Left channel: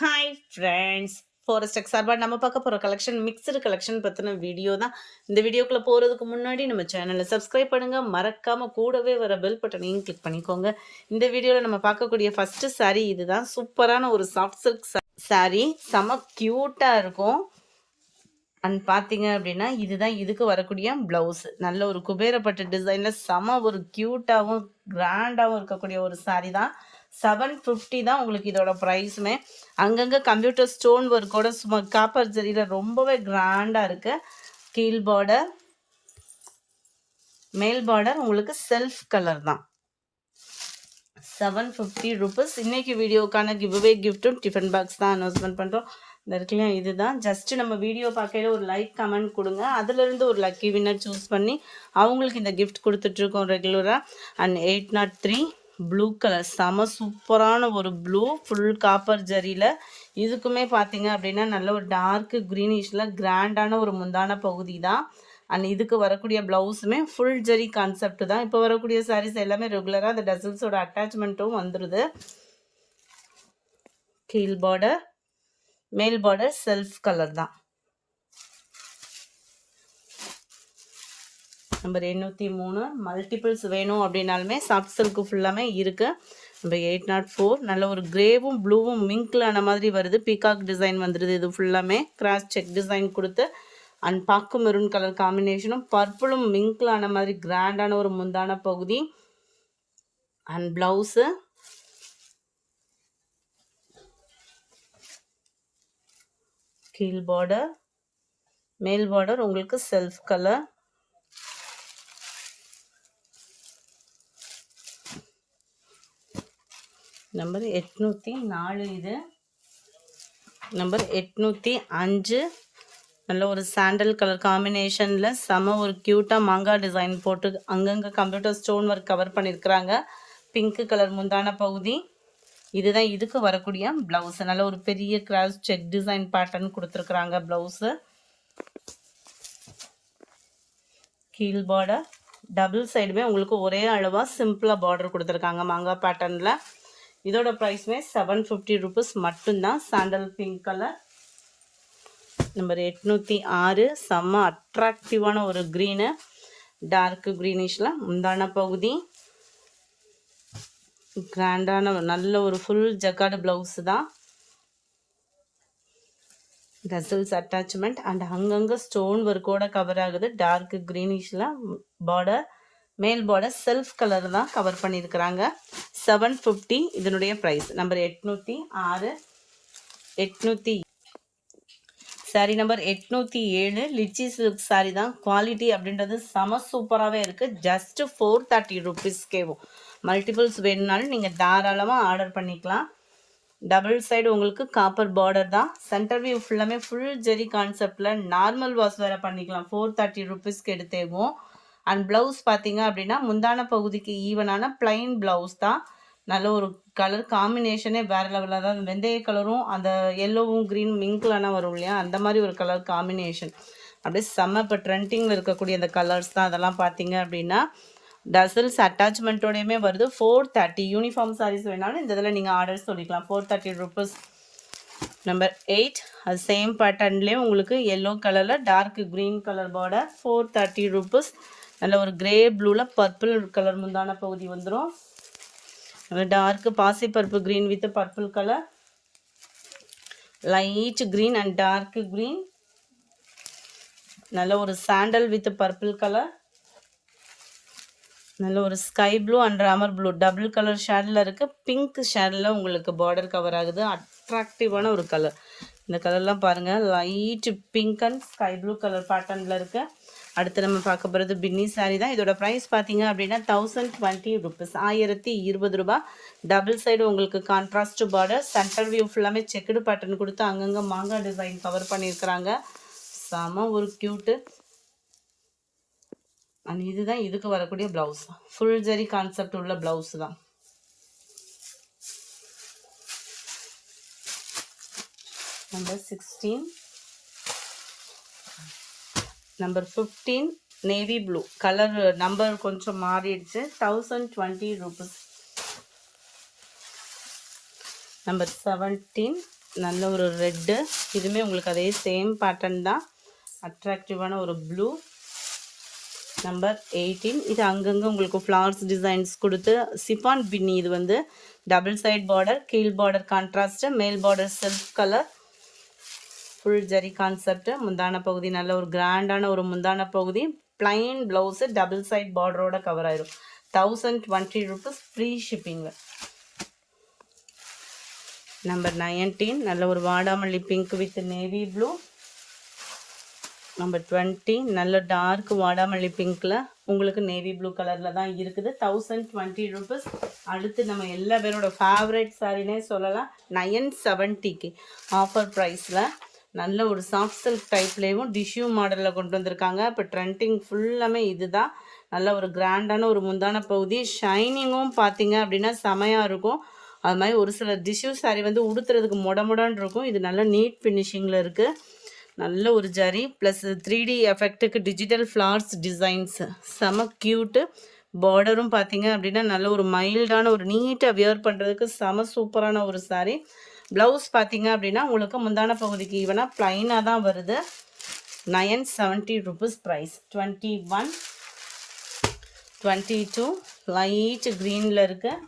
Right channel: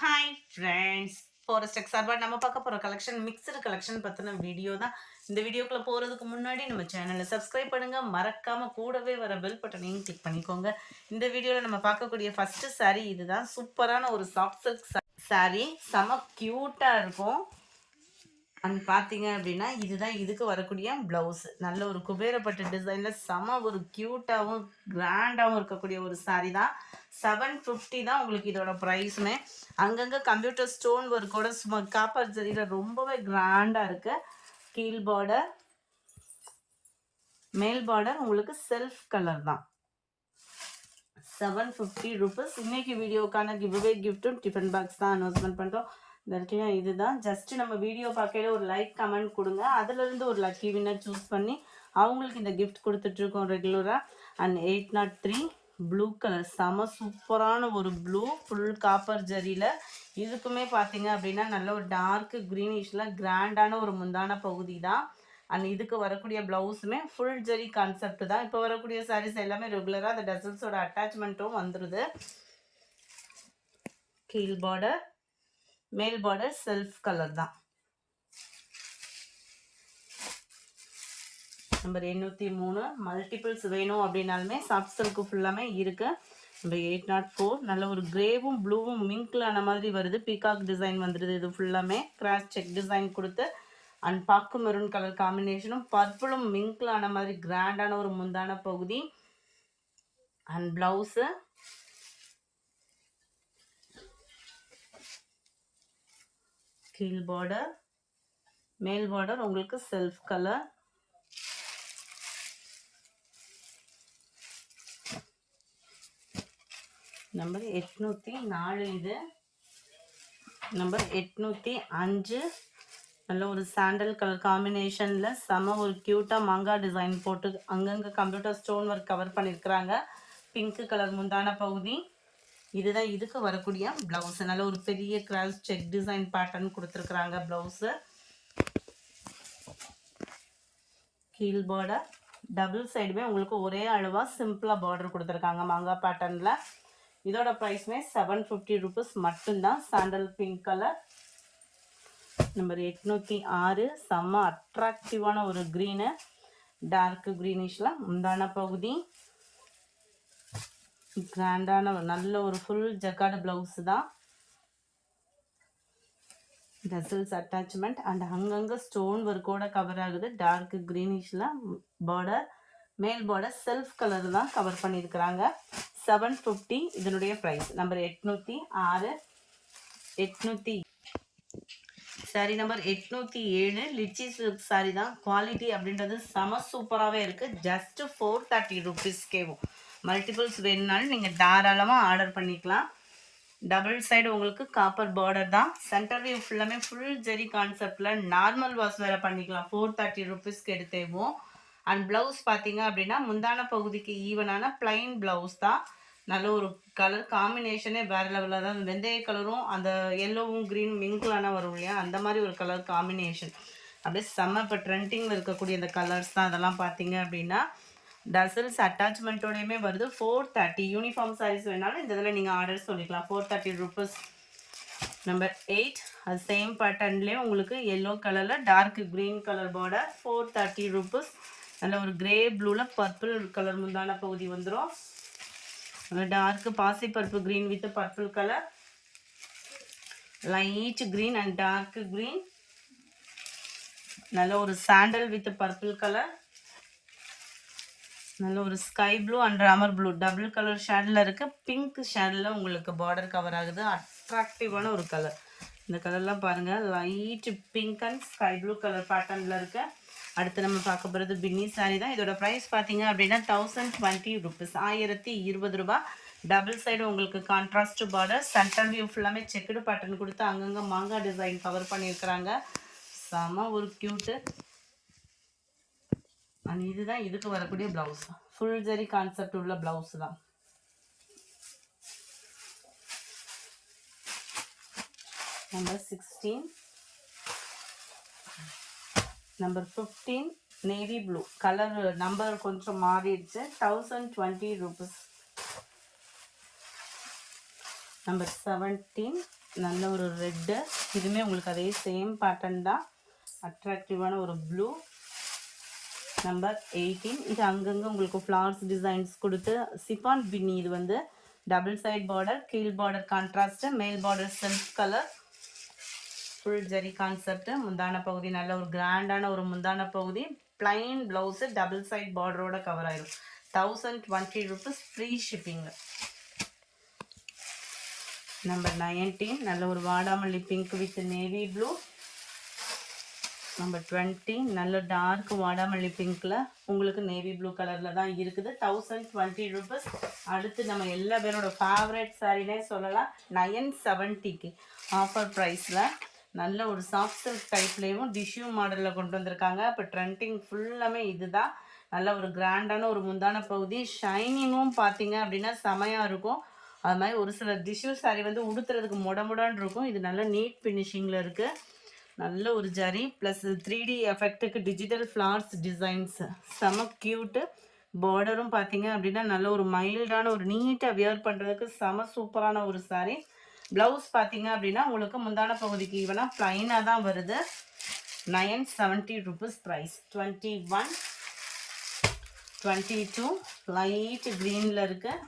Hi friends, forest X சார்பாக நம்ம பார்க்க போகிற கலெக்ஷன் மிக்சடு கலெக்ஷன் பற்றின வீடியோ தான். இந்த வீடியோக்குள்ளே போகிறதுக்கு முன்னாடி நம்ம சேனலை சப்ஸ்கிரைப் பண்ணுங்கள், மறக்காமல் கூடவே வர பெல் பட்டனையும் கிளிக் பண்ணிக்கோங்க. இந்த வீடியோவில் நம்ம பார்க்கக்கூடிய ஃபஸ்ட்டு சாரீ இதுதான். சூப்பரான ஒரு சாஃப்ட் சில்க் சாரீ, செம க்யூட்டாக இருக்கும். அண்ட் பார்த்தீங்க அப்படின்னா இதுதான் இதுக்கு வரக்கூடிய ப்ளவுஸ். நல்ல ஒரு குபேரப்பட்டு டிசைனில் செம ஒரு க்யூட்டாகவும் கிராண்டாகவும் இருக்கக்கூடிய ஒரு சாரீ தான். 750 தான் உங்களுக்கு இதோட ப்ரைஸுமே. அங்கங்கே கம்ப்யூட்டர் ஸ்டோன் ஒர்க்கோட சும்மா காப்பர் ஜரியில் ரொம்பவே கிராண்டாக இருக்குது. கீழ் பார்டர், மேல் பார்டர் உங்களுக்கு செல்ஃப் கலர் தான். 750 rupees. இன்னைக்கு வீடியோக்கான கிவ்அவே கிஃப்ட்டும் டிஃபன் பாக்ஸ் தான் அனௌன்ஸ்மெண்ட் பண்ணுறோம். இந்த இருக்குல்லையா, இதுதான். ஜஸ்ட் நம்ம வீடியோ பார்க்கையில ஒரு லைக் கமெண்ட் கொடுங்க, அதுலேருந்து ஒரு லக்கி வின்னர் சூஸ் பண்ணி அவங்களுக்கு இந்த கிஃப்ட் கொடுத்துட்ருக்கோம் ரெகுலராக. அண்ட் 803 ப்ளூ கலர், செம சூப்பரான ஒரு ப்ளூ, ஃபுல் காப்பர் ஜரியில். இதுக்குமே பார்த்தீங்க அப்படின்னா நல்ல ஒரு டார்க்கு க்ரீனிஷில் கிராண்டான ஒரு முந்தான பகுதி தான். அண்ட் இதுக்கு வரக்கூடிய ப்ளவுஸுமே ஃபுல் ஜரி கான்செப்ட் தான். இப்போ வரக்கூடிய சாரீஸ் எல்லாமே ரெகுலராக அந்த டசல்ஸோட அட்டாச்மெண்ட்டும் வந்துடுது. கீழ் பார்டர், மேல் பார்டர் செல்ஃப் கலர் தான். நம்பர் 803. மல்டிபிள்ஸ் வேணும் அப்படின்னாலுமே சாஃப்ட் சில்க்கு ஃபுல்லாமே இருக்குது. நம்பர் 804. நல்ல ஒரு கிரேவும் ப்ளூவும் மிங்க்ல ஆன மாதிரி வருது. பீகாக் டிசைன் வந்துடுது. இது ஃபுல்லாமே கிராஸ் செக் டிசைன் கொடுத்து அண்ட் பாக்கு மெரூன் கலர் காம்பினேஷனும் பர்பிளும் மிங்க்ல ஆன மாதிரி கிராண்டான ஒரு முந்தான பகுதி. அண்ட் ப்ளவுஸு கீழ் பார்டர், மேல் பார்டர் உங்களுக்கு செல்ஃப் கலர். நம்பர் 804 இது. நம்பர் 805. நல்ல ஒரு சாண்டல் கலர் காம்பினேஷனில் செம ஒரு க்யூட்டாக மாங்காய் டிசைன் போட்டு அங்கங்கே கம்ப்யூட்டர் ஸ்டோன் ஒர்க் கவர் பண்ணியிருக்கிறாங்க. பிங்க் கலர் முந்தான பகுதி. இதுதான் இதுக்கு வரக்கூடிய ப்ளவுஸு. நல்ல ஒரு பெரிய கிராஸ் செக் டிசைன் பேட்டர்ன் கொடுத்துருக்குறாங்க ப்ளவுஸு. கீழ் பார்டர், டபுள் சைடுமே உங்களுக்கு ஒரே அளவாக சிம்பிளாக பார்டர் கொடுத்துருக்காங்க மாங்காய் பேட்டர்னில். இதோட ப்ரைஸுமே 750 rupees மட்டும்தான். Sandal pink colour. நம்பர் 806. செம்ம அட்ராக்டிவான ஒரு க்ரீனு, டார்க் க்ரீனிஷில் முந்தான பகுதி. கிராண்டான நல்ல ஒரு ஃபுல் ஜக்கார்டு ப்ளவுஸு தான். டசல்ஸ் அட்டாச்மெண்ட் அண்ட் அங்கங்கே ஸ்டோன் ஒர்க்கோட கவர் ஆகுது. டார்க் க்ரீனிஷில் பார்டர், மேல் பார்டர் செல்ஃப் கலர் தான் கவர் பண்ணியிருக்கிறாங்க. 750 இதனுடைய price. Number 806. 800 sorry number 807. Litchi silk sari தான். குவாலிட்டி அப்படின்றது செம சூப்பராகவே இருக்குது. ஜஸ்ட் 430 rupeesக்கேவும். மல்டிபிள்ஸ் வேணுனாலும் நீங்கள் தாராளமாக ஆர்டர் பண்ணிக்கலாம். டபுள் சைடு உங்களுக்கு காப்பர் பார்டர் தான். சென்டர் வியூ ஃபுல்லாமே ஃபுல் ஜெரி கான்செப்டில் நார்மல் வாஷ் வேறு பண்ணிக்கலாம். 430 rupeesக்கு எடுத்தேவும். அண்ட் ப்ளவுஸ் பார்த்தீங்க அப்படின்னா முந்தான பகுதிக்கு ஈவனான பிளைன் ப்ளவுஸ் தான். நல்ல ஒரு கலர் காம்பினேஷனே வேறு லெவலில், அதாவது வெந்தய கலரும் அந்த எல்லோவும் க்ரீன் மிங்க்லான வரும் இல்லையா, அந்த மாதிரி ஒரு கலர் காம்பினேஷன் அப்படியே செம்ம. இப்போ ட்ரெண்டிங்கில் இருக்கக்கூடிய அந்த கலர்ஸ் தான் அதெல்லாம் பார்த்தீங்க அப்படின்னா. டசல்ஸ் அட்டாச்மெண்ட்டோடையுமே வருது. 430. யூனிஃபார்ம் சாரீஸ் வேணாலும் இந்த இதில் நீங்கள் ஆர்டர் சொல்லிக்கலாம். 430 rupees. நம்பர் 8. அது சேம் பேட்டர்ன்லேயே உங்களுக்கு எல்லோ கலரில் dark green colour border. 430 rupees. நல்ல ஒரு கிரே ப்ளூவில் பர்பிள் கலர் முந்தான பகுதி வந்துடும். டார்க் பாசி purple green with purple colour, light green and dark green. நல்ல ஒரு சாண்டல் வித் பர்பிள் கலர். நல்ல ஒரு sky blue and Ramar blue double colour ஷேடில் இருக்குது. பிங்க் ஷேடில் உங்களுக்கு பார்டர் கவர் ஆகுது. அட்ராக்டிவான ஒரு கலர். இந்த கலர்லாம் பாருங்கள், light pink and sky blue colour பேட்டர்னில் இருக்குது. அடுத்து நம்ம பார்க்க போகிறது பின்னி சாரீ தான். இதோட ப்ரைஸ் பார்த்தீங்க அப்படின்னா 1020 rupees. 1020 ரூபாய். டபுள் சைடு உங்களுக்கு கான்ட்ராஸ்ட் பார்டர். சென்டர் வியூ ஃபுல்லாமே செக்குடு பேட்டர்ன் கொடுத்து அங்கங்கே மாங்காய் டிசைன் கவர் பண்ணியிருக்கிறாங்க. செம ஒரு க்யூட்டு. அண்ட் இதுதான் இதுக்கு வரக்கூடிய ப்ளவுஸ். ஃபுல் ஜரி கான்செப்ட் உள்ள ப்ளவுஸ் தான். Number 16. Number 15. Navy blue colour. Number கொஞ்சம் மாறிடுச்சு. 1020 rupees. நம்பர் 17 நல்ல ஒரு ரெட்டு, இதுவுமே உங்களுக்கு அதே சேம் பேட்டர்ன் தான், அட்ராக்டிவான ஒரு ப்ளூ. நம்பர் 18 இது அங்கங்கே உங்களுக்கு ஃப்ளவர்ஸ் டிசைன்ஸ் கொடுத்து சிஃபான் பின்னி. இது வந்து டபுள் சைட் பார்டர், கீழ் பார்டர் கான்ட்ராஸ்ட்டு, மேல் border self colour, full zari concept. முந்தான பகுதி நல்ல ஒரு கிராண்டான ஒரு முந்தான பகுதி, பிளைன் ப்ளவுஸு, டபுள் சைட் பார்டரோட கவர் ஆயிடும். 1020 rupees ஃப்ரீ ஷிப்பிங்கில். நம்பர் 19 நல்ல ஒரு வாடாமல்லி pink with navy blue. Number 20 நல்ல டார்க் வாடாமல்லி பிங்க்கில் உங்களுக்கு நேவி ப்ளூ கலரில் தான் இருக்குது. 1020 rupees. அடுத்து நம்ம எல்லா பேரோட ஃபேவரட் சாரினே சொல்லலாம், 970க்கு ஆஃபர் ப்ரைஸில் நல்ல ஒரு சாஃப்ட் சில்க் டைப்லேயும் டிஷ்யூ மாடலில் கொண்டு வந்திருக்காங்க. இப்போ ட்ரெண்டிங் ஃபுல்லாமே இது தான். நல்ல ஒரு கிராண்டான ஒரு முந்தான பகுதி, ஷைனிங்கும் பார்த்தீங்க அப்படின்னா செமையாக இருக்கும். அது மாதிரி ஒரு சில டிஷ்யூ சாரி வந்து உடுத்துறதுக்கு முடமுடான்னு இருக்கும். இது நல்ல நீட் ஃபினிஷிங்கில் இருக்குது. நல்ல ஒரு ஜரி ப்ளஸ் 3D எஃபெக்ட்டுக்கு டிஜிட்டல் ஃப்ளார்ஸ் டிசைன்ஸு செம க்யூட்டு. பார்டரும் பார்த்தீங்க அப்படின்னா நல்ல ஒரு மைல்டான ஒரு நீட்டாக வியர் பண்ணுறதுக்கு செம சூப்பரான ஒரு சாரீ. ப்ளவுஸ் பார்த்தீங்க அப்படின்னா உங்களுக்கு முந்தான பகுதிக்கு ஈவனாக ப்ளைனாக தான் வருது. 970 rupees ப்ரைஸ். 21, 22 லைட் க்ரீனில் இருக்குது.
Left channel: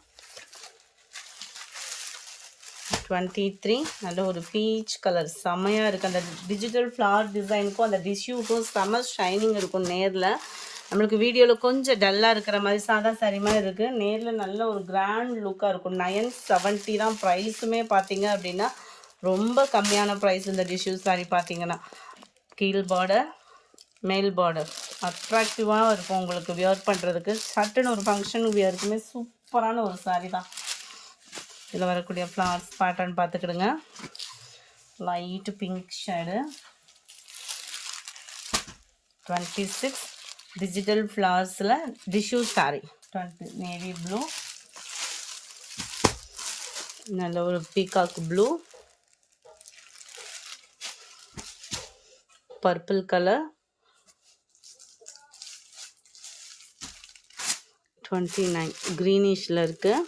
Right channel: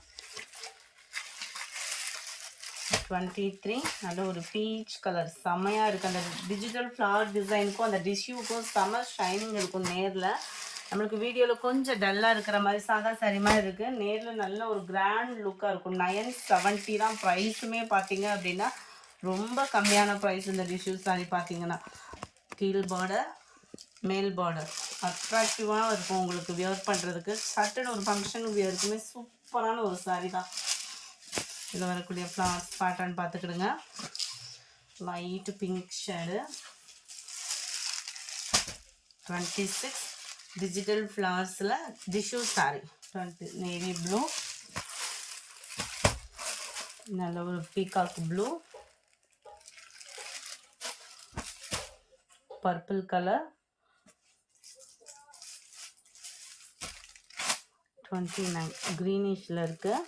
23 நல்ல ஒரு பீச் கலர் செம்மையாக இருக்குது. அந்த டிஜிட்டல் ஃப்ளவர் டிசைனுக்கும் அந்த டிஷ்யூக்கும் செம்ம ஷைனிங் இருக்கும். நேரில் நம்மளுக்கு வீடியோவில் கொஞ்சம் டல்லாக இருக்கிற மாதிரி சாதா சாரி மாதிரி இருக்குது, நேரில் நல்ல ஒரு கிராண்ட் லுக்காக இருக்கும். 970 தான் ப்ரைஸுமே பார்த்தீங்க அப்படின்னா ரொம்ப கம்மியான ப்ரைஸ். இந்த டிஷ்யூ சாரி பார்த்தீங்கன்னா கீழ் பார்டர் மேல் பார்டர் அட்ராக்டிவாக இருக்கும் உங்களுக்கு வியர் பண்ணுறதுக்கு. சட்டுன்னு ஒரு ஃபங்க்ஷன் வியருக்குமே சூப்பரான ஒரு சாரி தான். இதில் வரக்கூடிய ஃப்ளவர்ஸ் பேட்டர்ன் பார்த்துக்கிடுங்க. Light pink shade. 26 டிஜிட்டல் ஃப்ளவர்ஸில் டிஷ்யூ சாரி. 20 நேவி ப்ளூ, நல்ல ஒரு பீகாக் ப்ளூ, பர்பிள் கலர், 29 க்ரீனிஷில் இருக்குது.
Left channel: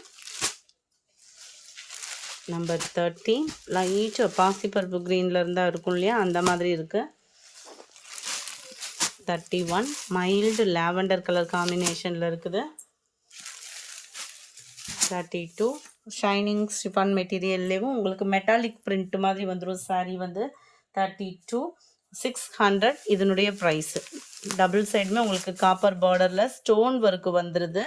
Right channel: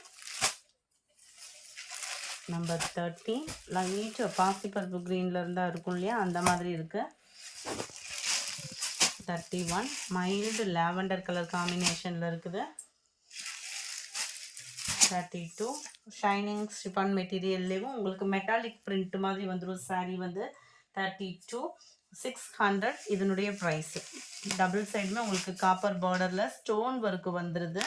நம்பர் 30 லைட் பாசிப்பருப்பு க்ரீனில் இருந்தால் இருக்கும் இல்லையா, அந்த மாதிரி இருக்குது. 31 மைல்டு லாவெண்டர் கலர் காம்பினேஷனில் இருக்குது. 32 ஷைனிங் ஸ்டிஃபான் மெட்டீரியல்லேயும் உங்களுக்கு மெட்டாலிக் பிரிண்ட் மாதிரி வந்துடும் சாரீ வந்து. 32 600 இதனுடைய ப்ரைஸு. டபுள் சைடுமே உங்களுக்கு காப்பர் பார்டரில் ஸ்டோன் ஒர்க்கு வந்துடுது.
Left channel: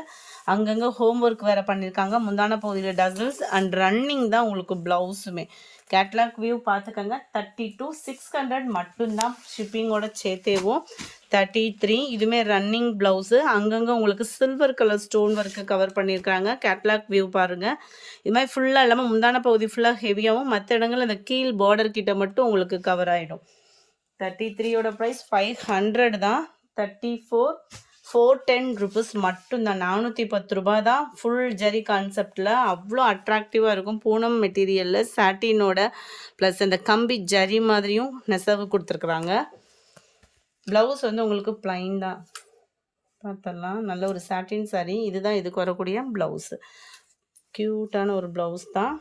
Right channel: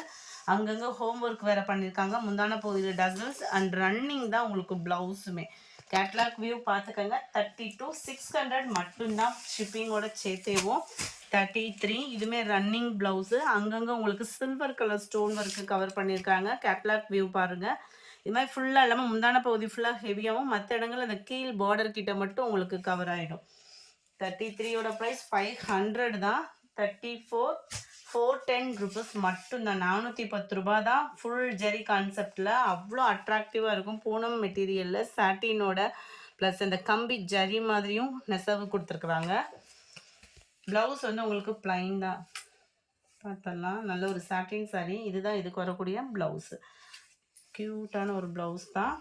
அங்கங்கே ஹோம் ஒர்க் வேறு பண்ணியிருக்காங்க. முந்தான பகுதியில் டசல்ஸ் அண்ட் ரன்னிங் தான் உங்களுக்கு ப்ளவுஸுமே. கேட்லாக் வியூ பார்த்துக்கோங்க. 32 600 மட்டும்தான் ஷிப்பிங்கோட சேர்த்தேவும். 33 இதுவுமே ரன்னிங் ப்ளவுஸு, அங்கங்கே உங்களுக்கு silver colour stone work cover பண்ணியிருக்காங்க. கேட்லாக் வியூ பாருங்கள். இது மாதிரி ஃபுல்லாக இல்லாமல் முந்தான பகுதி ஃபுல்லாக ஹெவியாகவும், மற்ற இடங்கள் அந்த கீழ் பார்டர் கிட்ட மட்டும் உங்களுக்கு கவர் ஆகிடும். 33யோட ப்ரைஸ் 500 தான். 34 410 rupees மட்டும்தான். 410 ரூபா தான். ஃபுல் ஜரி கான்செப்டில் அவ்வளோ அட்ராக்டிவாக இருக்கும். பூனம் மெட்டீரியலில் சாட்டினோட ப்ளஸ் இந்த கம்பி ஜரி மாதிரியும் நெசவு கொடுத்துருக்குறாங்க. ப்ளவுஸ் வந்து உங்களுக்கு ப்ளைன் தான். பார்த்தலாம் நல்ல ஒரு சாட்டின் சாரி. இதுதான் இதுக்கு வரக்கூடிய ப்ளவுஸு. க்யூட்டான ஒரு ப்ளவுஸ் தான்.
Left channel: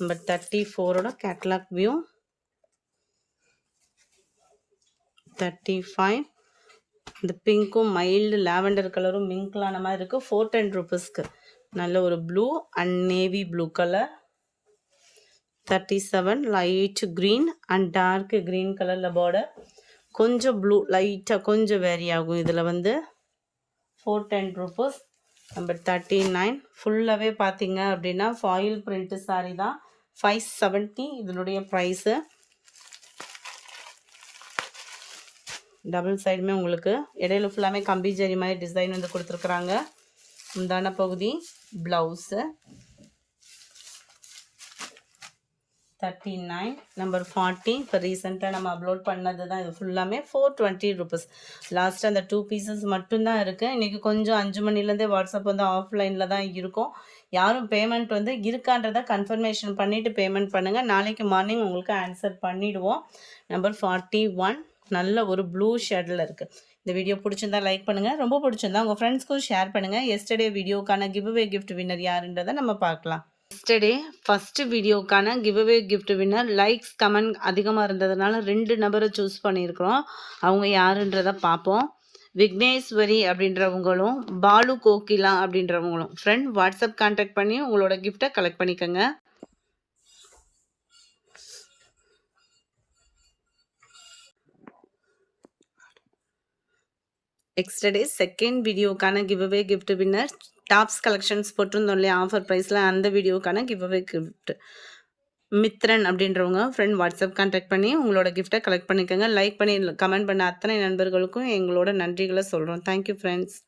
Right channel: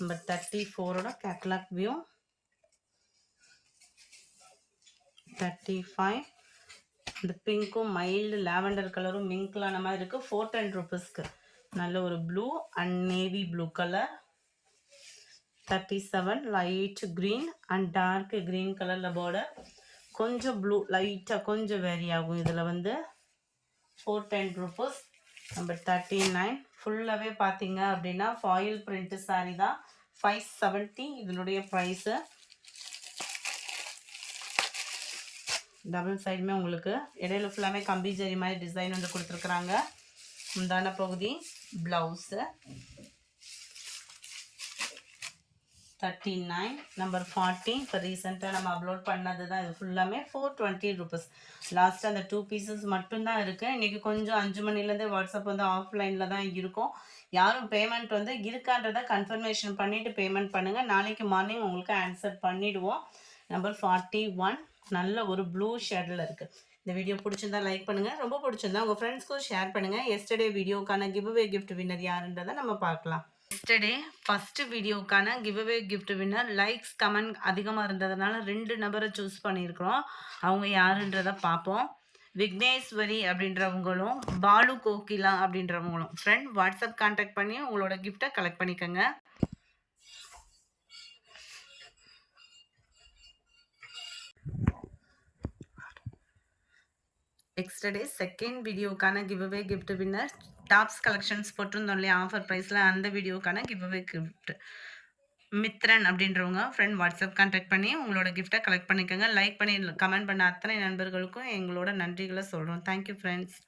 Number 34ஓட catalogue view. 35 இந்த பிங்க்கும் மைல்டு லாவெண்டர் கலரும் மிங்க்லான மாதிரி இருக்குது. 410 rupeesக்கு நல்ல ஒரு blue and navy blue colour. 37 light green and dark green கலரில் பார்டர். கொஞ்சம் ப்ளூ லைட்டாக கொஞ்சம் வேரி ஆகும் இதில் வந்து. 410 rupees. நம்பர் 39 ஃபுல்லாகவே பார்த்தீங்க அப்படின்னா ஃபாயில் பிரிண்ட்டு சாரி தான். 570 இதனுடைய ப்ரைஸு. டபுள் சைடுமே உங்களுக்கு இடையில ஃபுல்லாமே கம்பி ஜரி மாதிரி டிசைன் வந்து கொடுத்துருக்குறாங்க. முந்தான பகுதி ப்ளவுஸு. 39 நம்பர் 40 இப்போ ரீசெண்டாக நம்ம அப்லோட் பண்ணது தான். இது ஃபுல்லாமே 420 rupees. லாஸ்ட்டு அந்த 2 pieces மட்டும்தான் இருக்குது. இன்றைக்கி கொஞ்சம் 5 மணிலேருந்தே வாட்ஸ்அப் வந்து ஆஃப்லைனில் தான் இருக்கும். யாரும் பேமெண்ட் வந்து இருக்கான்றதை கன்ஃபர்மேஷன் பண்ணிவிட்டு பேமெண்ட் பண்ணுங்கள். நாளைக்கு மார்னிங் உங்களுக்கு ஆன்சர் பண்ணிவிடுவோம். நம்பர் 41 நல்ல ஒரு ப்ளூ ஷேடில் இருக்குது. இந்த வீடியோ பிடிச்சிருந்தா லைக் பண்ணுங்கள். ரொம்ப பிடிச்சிருந்தா உங்கள் ஃப்ரெண்ட்ஸ்க்கும் ஷேர் பண்ணுங்கள். எஸ்டர்டே வீடியோக்கான கிவ் அவே கிஃப்ட் வின்னர் யாருன்றதை நம்ம பார்க்கலாம். எஸ்டர்டே ஃபர்ஸ்ட் வீடியோக்கான giveaway gift winner likes comment அதிகமாக இருந்ததுனால 2 நபரை சூஸ் பண்ணியிருக்கிறோம். அவங்க யாருன்றதை பார்ப்போம். விக்னேஸ்வரி அப்படின்றவங்களும், பாலு கோகிலா அப்படின்றவங்களும். ஃப்ரெண்ட் வாட்ஸ்அப் கான்டாக்ட் பண்ணி உங்களோட கிஃப்ட்டை கலெக்ட் பண்ணிக்கோங்க. எக்ஸ்டர்டே செகண்ட் வீடியோக்கான giveaway gift winner tops collections போட்டிருந்தோம் இல்லையா ஆஃபர் ப்ரைஸில், அந்த வீடியோக்கான கிவ்அவே கிஃப்ட் மித்ரன் அப்படின்றவங்க ஃப்ரெண்ட் வாட்ஸ்அப் கான்டாக்ட் பண்ணி உங்களோட கிஃப்ட்டை கலெக்ட் பண்ணிக்கோங்க. லைக் பண்ணி கமெண்ட் பண்ண அத்தனை நண்பர்களுக்கும் எங்களோட நன்றிகளை சொல்கிறோம். Thank you friends.